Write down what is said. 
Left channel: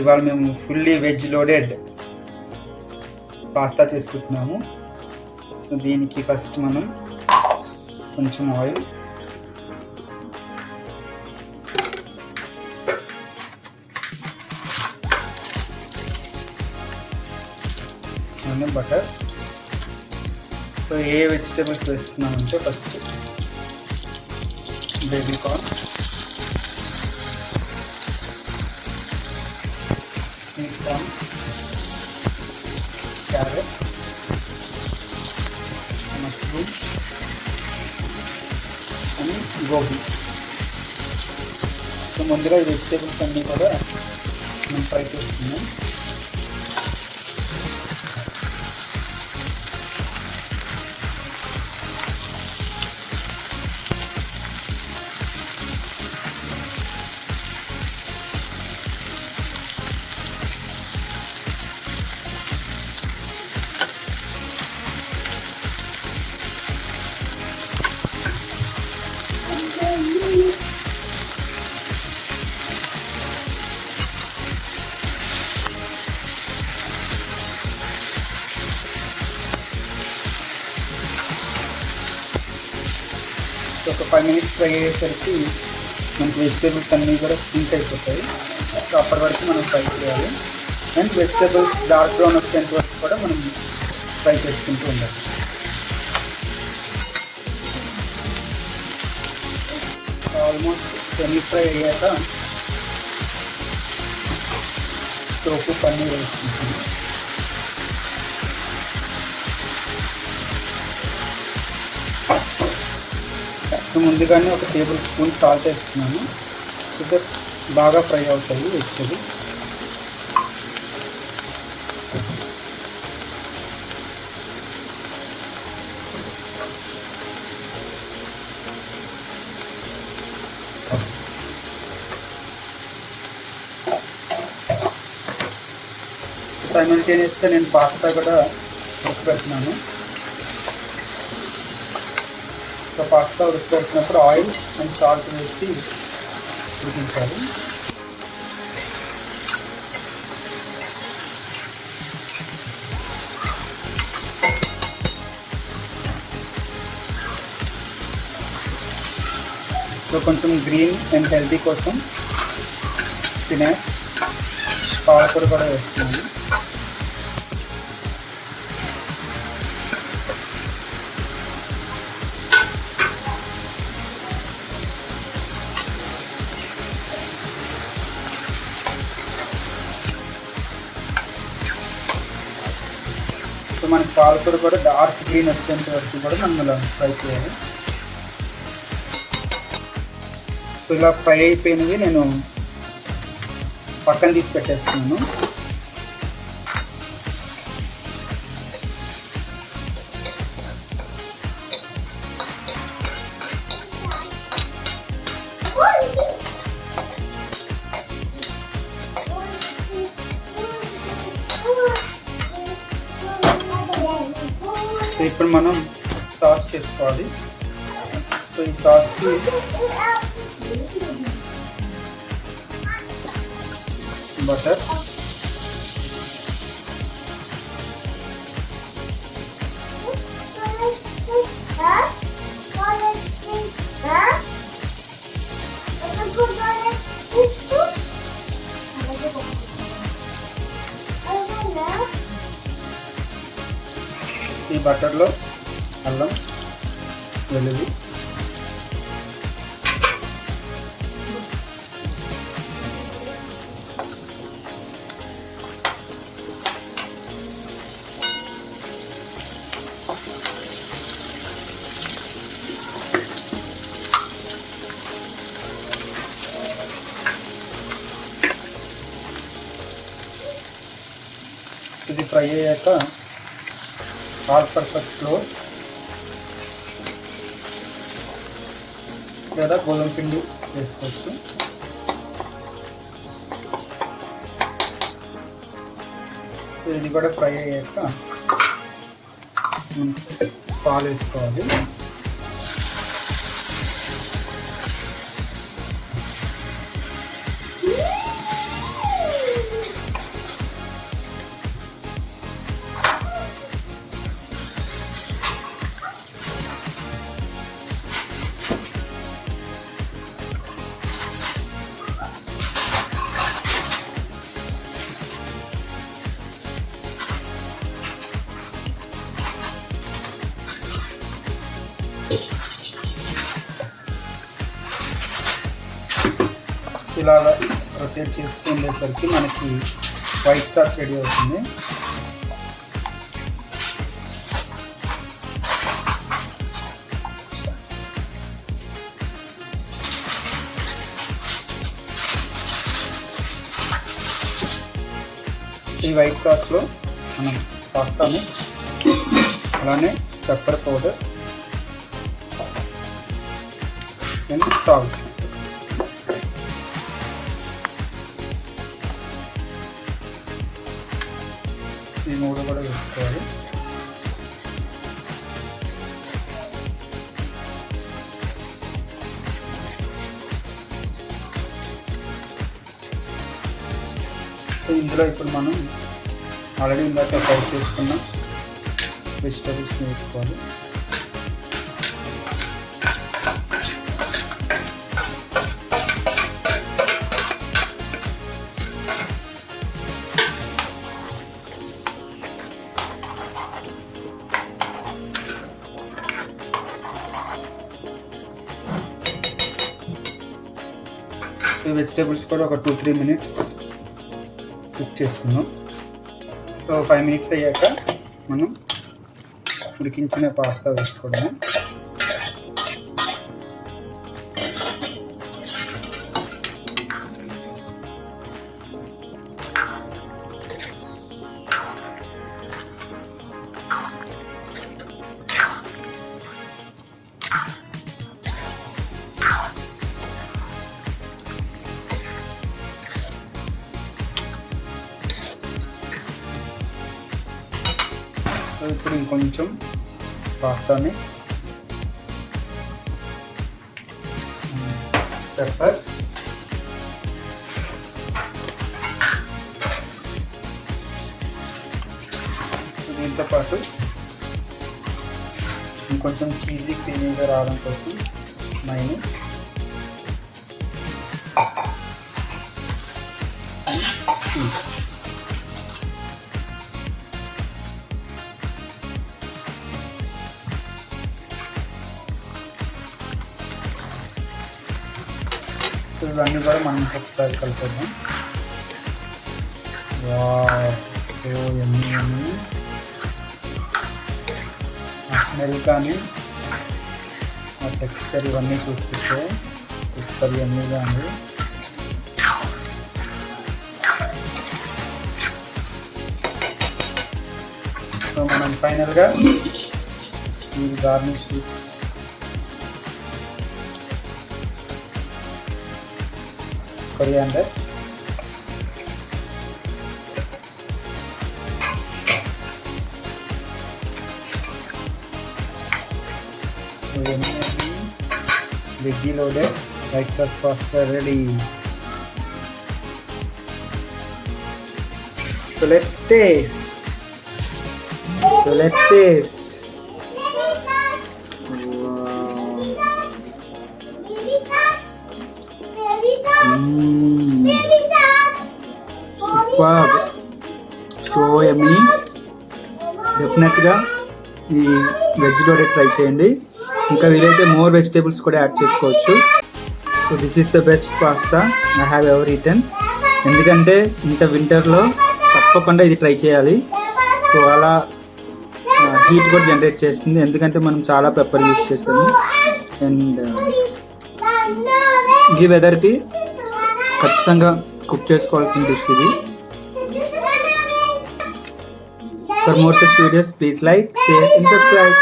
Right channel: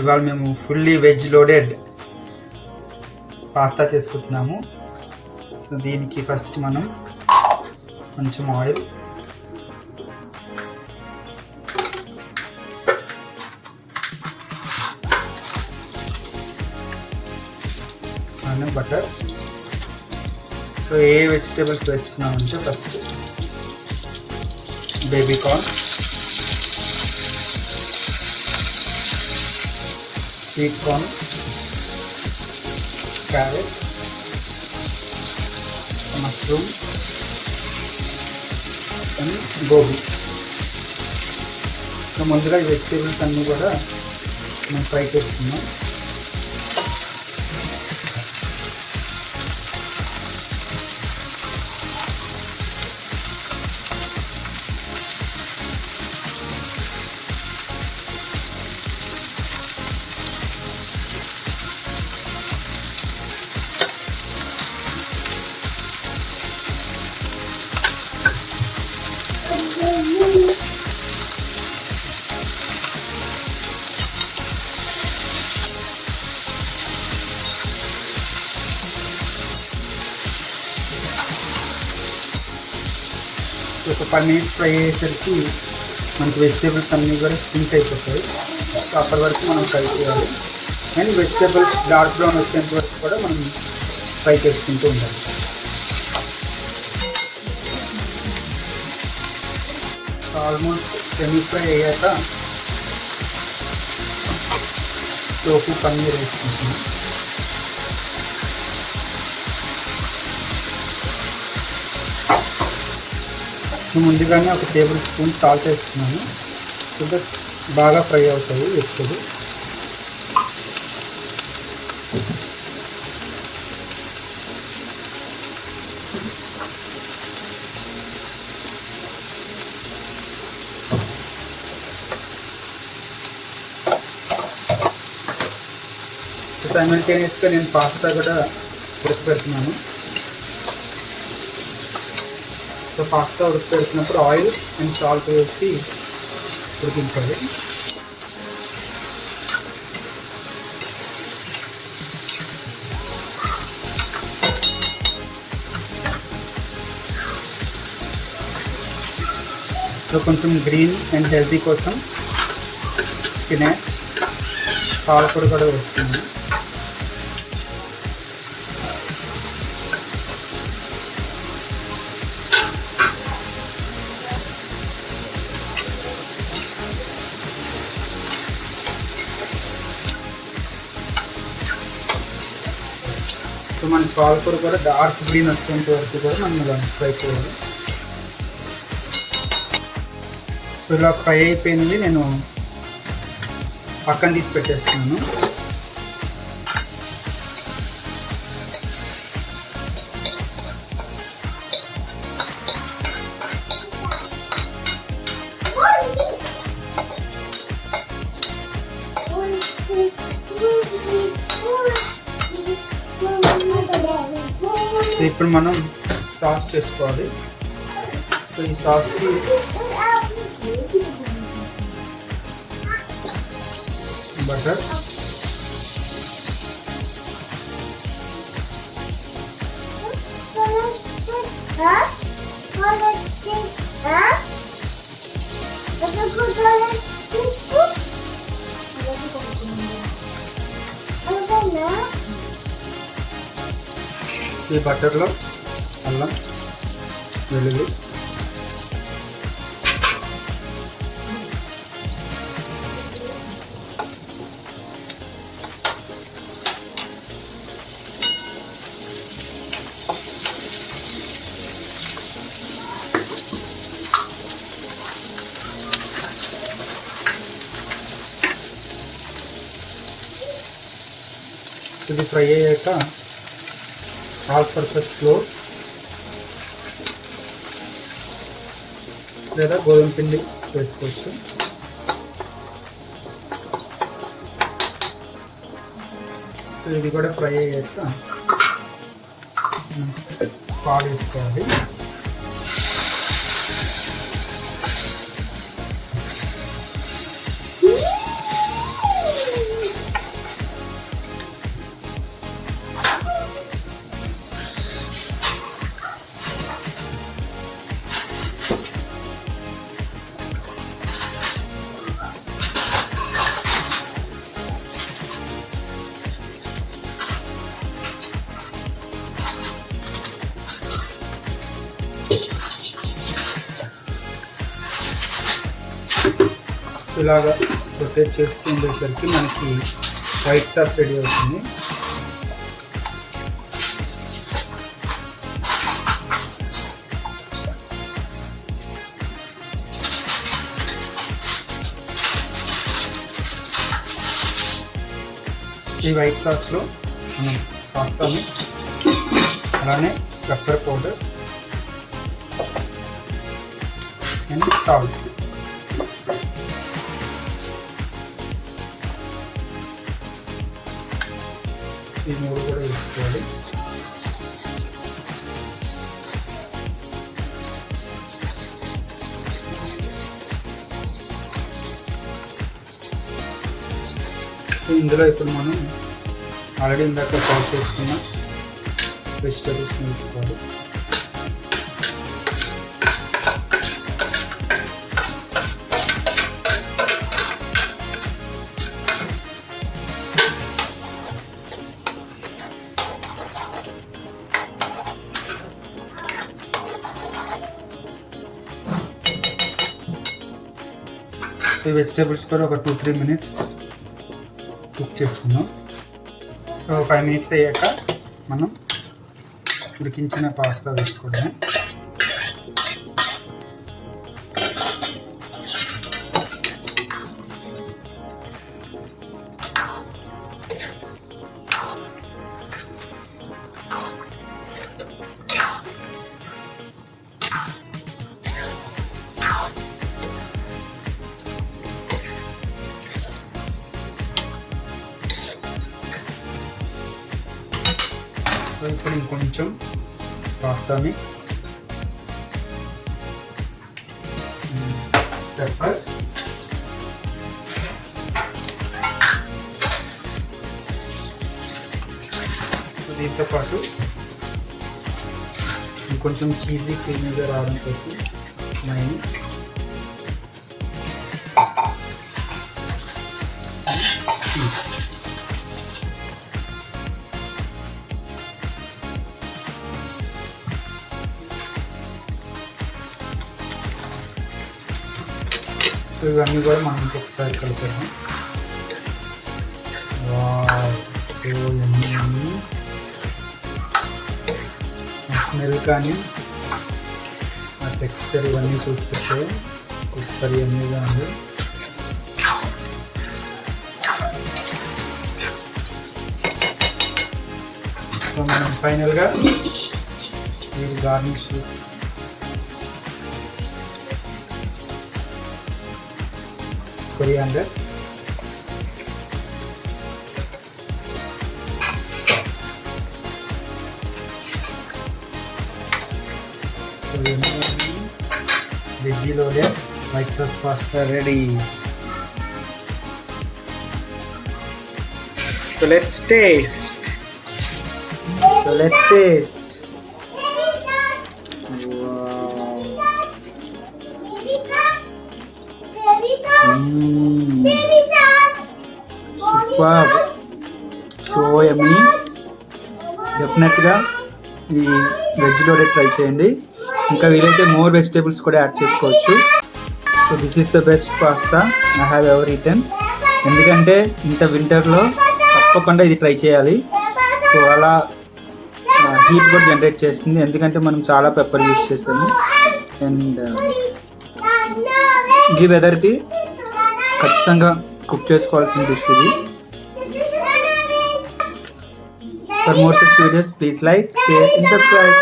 ఇవాళ మేము fully veg loaded pasta చేసుకుంటున్నాము. సో దీనికి ఫస్ట్ మనం కొంచెం ఆయిల్, అండ్ బటర్. సో ఏ వెజిటేబుల్స్ వేస్తున్నామంటే first baby corn, sweet corn, carrot, mushroom and gobi. So ముందుగా ఈ వెజిటేబుల్స్ అన్నీ కూడా మనం ఫ్రై చేసుకున్నాం. ఒక 5 minutes ఫ్రై అయ్యేసరికి మనకు వెజిటేబుల్స్ అన్నీ కూడా సింక్ అయిపోతాయి. సో అప్పటి వరకు మనం ఫ్రై చేయాలి. అండ్ వెజిటేబుల్స్ డార్క్ బ్రౌన్ వచ్చేంత వరకు కూడా మనం ఫ్రై చేసుకుంటూ ఉండాలి. ఆల్మోస్ట్ సెమీ ఫ్రై అయ్యాక టోఫు పన్నీర్ వేసుకుంటాము. ముందుగానే ఒక టేబుల్ స్పూన్ సాల్ట్ వేస్తున్నాను. ఇది బాగా ఫ్రై అవుతాయి వెజిటేబుల్స్. సైమల్టేనియస్గా నేను పాస్తా కూడా ఉడకబెడుతున్నాను. సో పాస్తా ఉడకబెడుతున్నప్పుడు ఆయిల్ అండ్ సాల్ట్ వేసి ఉడికించాలి. సో కొంచెం గ్రీన్ అండ్ హెల్తీ కోసం స్పినాచ్, పాలకూర కూడా వేస్తున్నాను. సో మనకి పాలకూర కూడా డార్క్ గ్రీన్ వచ్చేంత వరకు కూడా మనం ఇలా ఫ్రై చేయాలి. సో ఇలా ఫ్రై అయిపోయినది నేను పక్కన తీసి పెట్టేస్తున్నాను. ఇప్పుడు మనం సాస్ చేసుకోవాలి. సో ఈ సాస్కి బటర్, ఈ బటర్లో అల్లం వెల్లుల్లి, ఇది ఫ్రై అయ్యాక ఆల్ పర్పస్ ఫ్లోర్ లేదా గోధుమ పిండి వేసుకోవచ్చు. సో ఇది కూడా ఫ్రై అయ్యాక పాలు వేసుకోవాలి. ఇలాగా రొటేట్ చేస్తూ ఉండేసరికి మనకి వైట్ సాస్ రెడీ అవుతుంది. ఈ వైట్ సాస్లో మనం పాస్తా మిక్స్, అలానే పెప్పర్ పౌడర్ అండ్ సాల్ట్, ఈ మూడు కూడా వేసుకోవాలి. ఇందులో ఇప్పుడు మనం ఆల్రెడీ ఇందాక ఫ్రై చేసుకున్న వెజిటబుల్స్ని వేసుకోవాలి. ఈ వెజిటేబుల్స్ కూడా ఒక 2-3 మినిట్స్ కుక్ చేసుకుందాం. సో 5 మినిట్స్ అయ్యాక మనం ఉడికించిన పాస్తా వేసుకోవడమే. ఇప్పుడు ఇంకొంచెం పాస్తా మిక్స్, పెప్పర్, దీంతో పాటు ఇంకొంచెం చీజీ క్రీమీగా రావడం కోసం మైనస్, చీజ్. ఇవన్నీ కూడా మనం ఇంకొకసారి కలిపేద్దాం. సో ఎన్ని ఆ స్మెల్ కానీ ఆ టెక్స్చర్ ఇవన్నీ చూస్తుంటే సూపర్ ఎమ్మీగా ఉంది. సో మనం ఫైనల్గా ఈ garnish coriander, so veggie loaded white sauce pasta ready. So let's taste. Super, so yummy. డెఫినెట్గా ఈ వెజ్ లోడెడ్ ట్రై చేయండి. ఇంకా వీలైతే మోర్ వెజిటేబుల్స్ కూడా యాడ్ చేసుకోవచ్చు. So this is the best pasta I have ever eaten. ఎందుకంటే ఇంత వింటర్లో తప్పకుండా ఇది ట్రై చేయాలి. సో అలా హీట్ కూడా జనరేట్ చేస్తుంది, ఎందుకంటే మనం చాలా పెప్పర్ యూస్ చేసాము. అండ్ ఈ వెదర్కి ఖచ్చితంగా కుక్ చేసుకోవాల్సిన డిష్ ఇది. For more such videos, please like, share and subscribe.